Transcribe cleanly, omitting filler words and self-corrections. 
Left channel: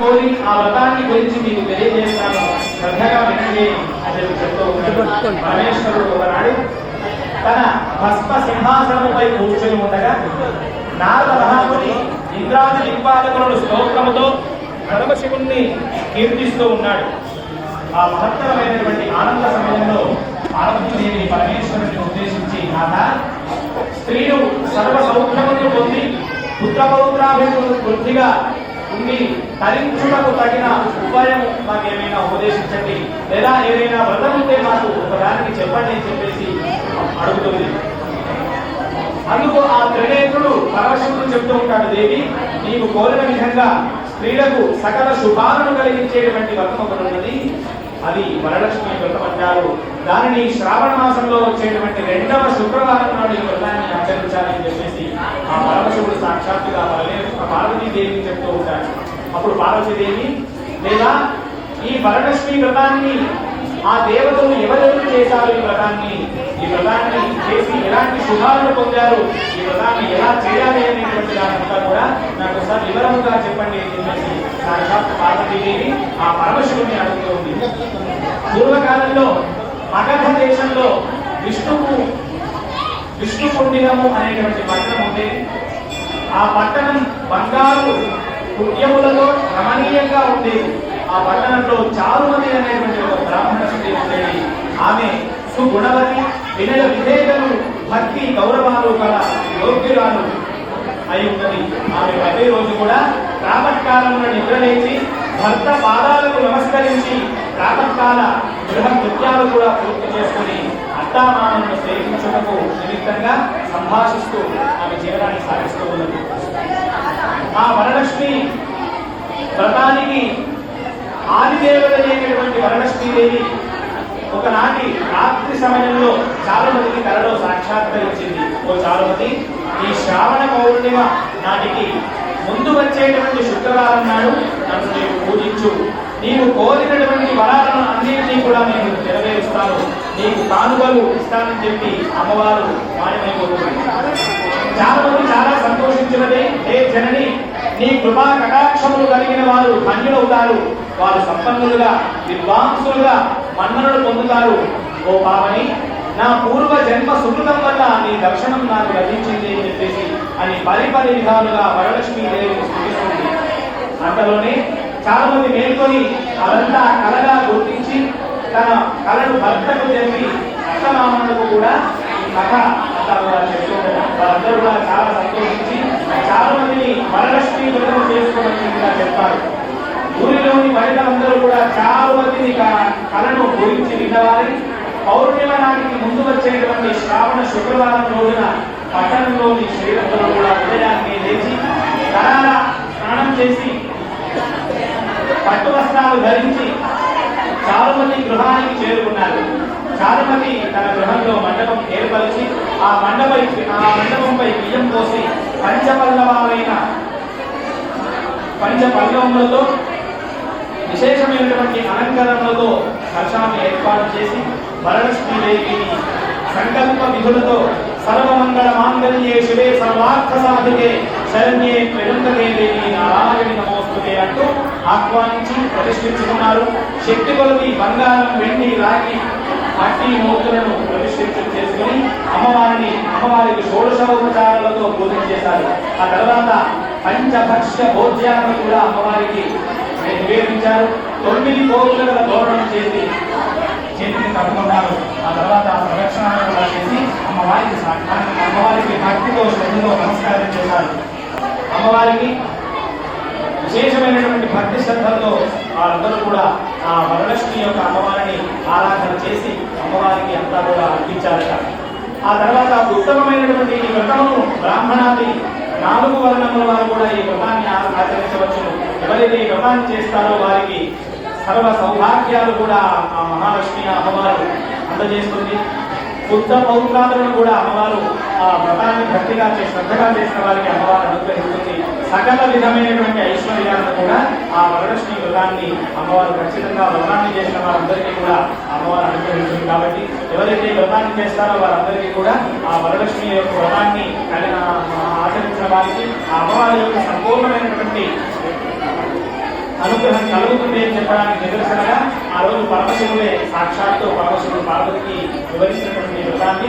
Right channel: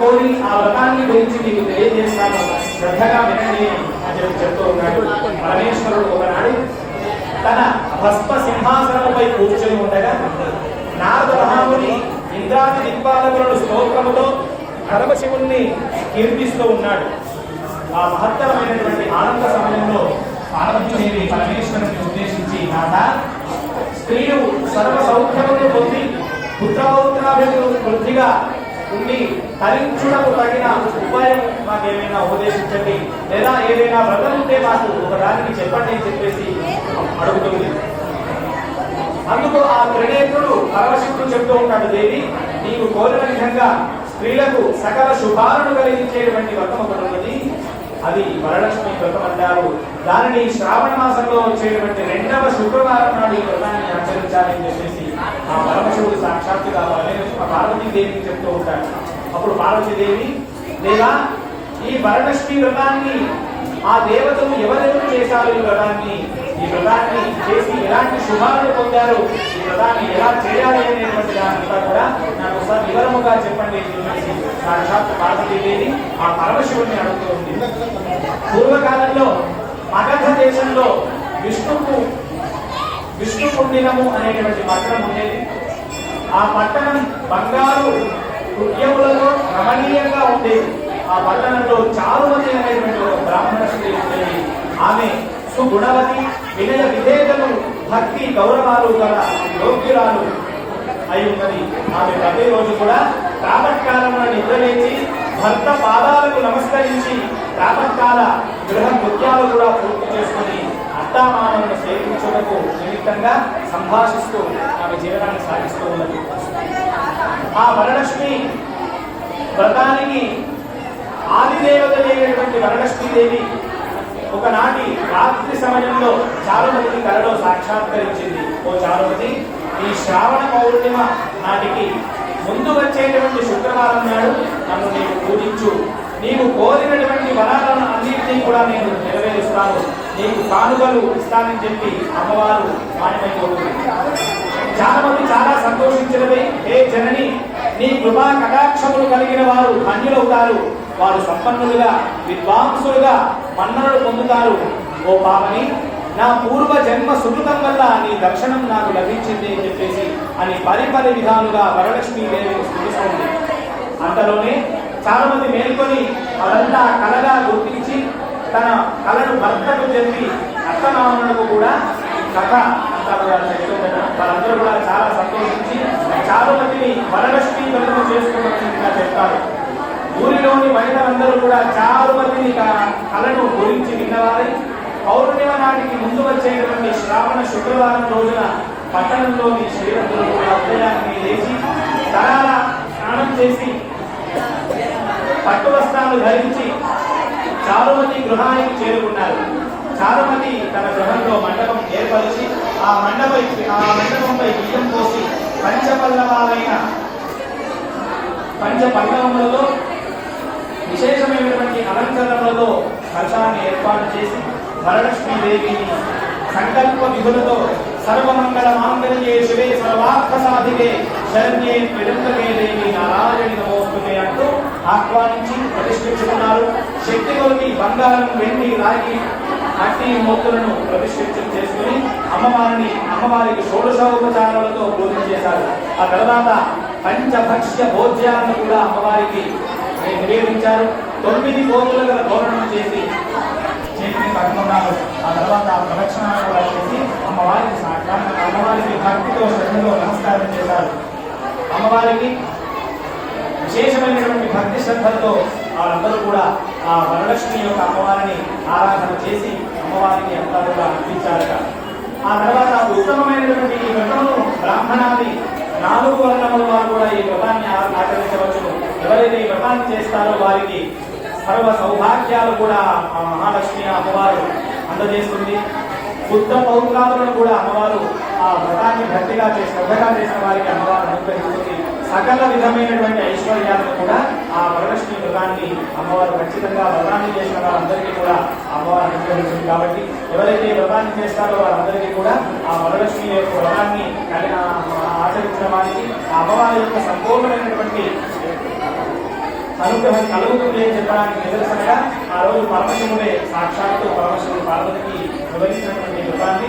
కోరి ఆ వ్రతాన్ని గురించి మీకు తెలియజేస్తాను, శ్రద్ధగా వినండి అని చెప్తూ ఉన్నాడు. పరమేశ్వరుడు ఒకనాడు తన భస్మ సింహాసనముపై కూర్చొని ఉండగా నారద మహాముని ఇంద్రాది దిక్పాలకులను స్తోత్రముతో పరమశివుణ్ణి కీర్తిస్తూ ఉన్నాడు. ఆ మహత్తరమైనటువంటి ఆనంద సమయంలో పార్వతీదేవి పరమేశ్వరుని ఉద్దేశించి, నాథ, స్త్రీలు సర్వ సౌఖ్యములు పొంది పుత్రపౌత్రాభివృద్ధిగా ఉండి తరించుటకు తగిన ఉపాయం మాకేమైనా ఉపదేశించండి, లేదా ఏదైనా వ్రతం ఉంటే మాకు ఒకదానికి చెప్పండి అని చెప్పేసి అడుగుతుంది. అందుకు ఆ త్రినేత్రుడు పరమశివుడు చెప్తూ ఉంటాడు, దేవి, నీకు కోరిన విధంగా స్త్రీలకు సకల శుభాలను కలిగించేటువంటి వ్రతం ఒకటి ఉన్నది, అది వరలక్ష్మి వ్రతం అంటారు. దానిని శ్రావణ మాసంలో వచ్చేటువంటి 2వ శుక్రవారం నాడు ఈ వ్రతాన్ని ఆచరించాలని చెప్పేసి ఆ పరమశివుడు సాక్షాత్తుగా పార్వతీదేవిని చెప్తూ ఉంటాడు. అప్పుడు పార్వతీదేవి, లేదా ఈ వరలక్ష్మి వ్రతాన్ని ఆ దేవతలు ఎవరెవరు చేశారు, ఈ వ్రతాన్ని చేసి ఎలాంటి శుభాలను పొందారు, ఈ వ్రతాన్ని ఎలా చేయాలి అనేటువంటి దానంతా కూడా నాకు ఒకసారి వివరముగా చెప్పండి అని చెప్పేసి సాక్షాత్ పార్వతీదేవి ఆ పరమశివుడిని అడుగుతూ ఉంది. పూర్వకాలంలో మగధ దేశంలో విష్ణుకుండినము అనేటువంటి పట్టణం ఉండేది. ఆ పట్టణం బంగారు పుణ్యములలో రమణీయంగా ఉండేది. ఆ పట్టణంలో చారుమతి అనేటువంటి ఒక బ్రాహ్మణ స్త్రీ ఉండేది. ఆమె సుగుణవతి, వినయ విధేయతలు, భక్తి గౌరవాలు గల యోగ్యురాలు అయి ఉన్నది. ఆమె ప్రతిరోజు కూడా ప్రాతకాలమున నిద్రలేచి భర్త పాదాలకు నమస్కరించి ప్రాతకాల గృహ కృత్యాలు కూడా పూర్తి చేసుకుని అత్తామామలను సేవించుటకు నిమిత్తంగా సంభాషిస్తూ ఆమె జీవనాన్ని సాగిస్తూ ఉన్నది. ఆ వరలక్ష్మి వ్రతానికి ఆదిదేవత అయినటువంటి వరలక్ష్మీదేవి ఒకనాటి రాత్రి సమయంలో చారుమతికి కలలో సాక్షాత్కరించింది. ఓ చారుమతి, ఈ శ్రావణ పౌర్ణిమ నాటికి ముందు వచ్చేటువంటి శుక్రవారం నాడు నన్ను నీవు పూజించు, నీవు కోరినటువంటి వరాలను అన్నింటినీ కూడా నేను నెరవేరుస్తాను, నీకు కానుకలు ఇస్తానని చెప్పి అమ్మవారు మాయమైపోతుంది. చారుమతి చాలా సంతోషించినది. హే జనని, నీ కృపా కటాక్షములు కలిగిన వారు ధన్యులవుతారు, వారు సంపన్నులుగా విద్వాంసులుగా మన్ననలు పొందుతారు. ఓ పావని, నా పూర్వ జన్మ సుకృతం వల్ల నీ దర్శనం నాకు లభించింది అని చెప్పేసి అని పరిపరి విధాలుగా వరలక్ష్మీదేవిని స్థుతిస్తుంది. అంతలోనే చారుమతి మేల్కొని అదంతా కలగా గుర్తించి తన కళను భర్తకు చెప్పి అత్తమామలకు కూడా కథ వాళ్ళందరూ కూడా చాలా సంతోషించి చారుమతిని వరలక్ష్మి వ్రతం చేసుకోవడానికి చెప్తారు. ఊరిలోని మహిళలందరూ కూడా చారుమతిని కళను గురించి విన్నవారి పౌర్ణిమ నాటికి ముందు వచ్చేటువంటి శ్రావణ శుక్రవారం రోజున పట్టణంలోని స్త్రీలందరూ కూడా ఉదయాన్ని లేచి తరాల స్నానం చేసి పట్టు వస్త్రాలు ధరించి చారుమతి గృహానికి చేరుకున్నారు. చారుమతి తన గృహంలో మండపం ఏర్పరిచి ఆ మండపంపై బియ్యం పోసి పంచపల్లవములతో విశేషమైనటువంటి అలంకరణలతో కలశాన్ని ఏర్పాటు చేసి వరలక్ష్మీదేవిని సంకల్ప విధులతో సర్వమంగళ మాంగళ్యే శివే సర్వార్థ సాధికే శరణ్యే త్రిరంగకే దేవి నారాయణి నమోస్తుతే అంటూ ఆహ్వానించి ప్రతిష్ఠించుకున్నారు. శక్తి కొలిది బంగారం, వెండి, రాగి, మట్టి మూర్తులను ప్రతిష్ఠించడం చేసుకుని అమ్మవారికి షోడశోపచారాలతో పూజించేశారు. ఆ తర్వాత పంచభక్ష్య భోజ్యాలను కూడా అమ్మవారికి నివేదించారు. 9 పోతుల గల తోరణం చేసి చేతిని కట్టుకున్నారు. ఆ తర్వాత ప్రదక్షిణాలు చేసి అమ్మవారికి భక్తితో శ్రద్ధతో నమస్కారం చేశారు. అమ్మవారికి విశేషమైనటువంటి భక్తి శ్రద్ధలతో వారందరూ కూడా ఆ వరలక్ష్మి యొక్క అమ్మవారిని ఆరాధన చేసి అమ్మవారికి అంతా కూడా అర్పించారట. ఆ తర్వాత ఉత్తమమైనటువంటి ఈ వ్రతమును బ్రాహ్మణాది 4 వర్ణముల వారు కూడా ఈ వ్రతాన్ని ఆచరించవచ్చును. ఎవరైతే ఈ వ్రతాన్ని చేస్తారో వారికి సర్వ సౌభాగ్యాలు కూడా ఆ మహాలక్ష్మి అమ్మవారు అందజేస్తుంది. బుద్ధ పౌరులను కూడా అమ్మవారు ఆ వ్రతాన్ని భక్తిగా శ్రద్ధగా చేసిన వారికి అమ్మవారు అనుగ్రహిస్తుంది. సకల విధమైనటువంటి ఐశ్వర్యాలను కూడా ఆ వరలక్ష్మి వ్రతాన్ని అమ్మవారు ఖచ్చితంగా వ్రతాన్ని చేసిన వారందరికీ కూడా అమ్మవారు అనుగ్రహిస్తుంది. కాబట్టి ఎవరైతే వ్రతాన్ని చేస్తారో వారందరికీ కూడా ఆ వరలక్ష్మి యొక్క వ్రతాన్ని ఆచరించిన వారికి ఆ అమ్మవారి యొక్క సంపూర్ణమైనటువంటి అనుగ్రహం కలుగుతుంది అని చెప్పడానికి నిదర్శనగా ఆ రోజు పరమశివుడే సాక్షాత్తు పరమశివుడు పార్వతికి వివరించినటువంటి వ్రతాన్ని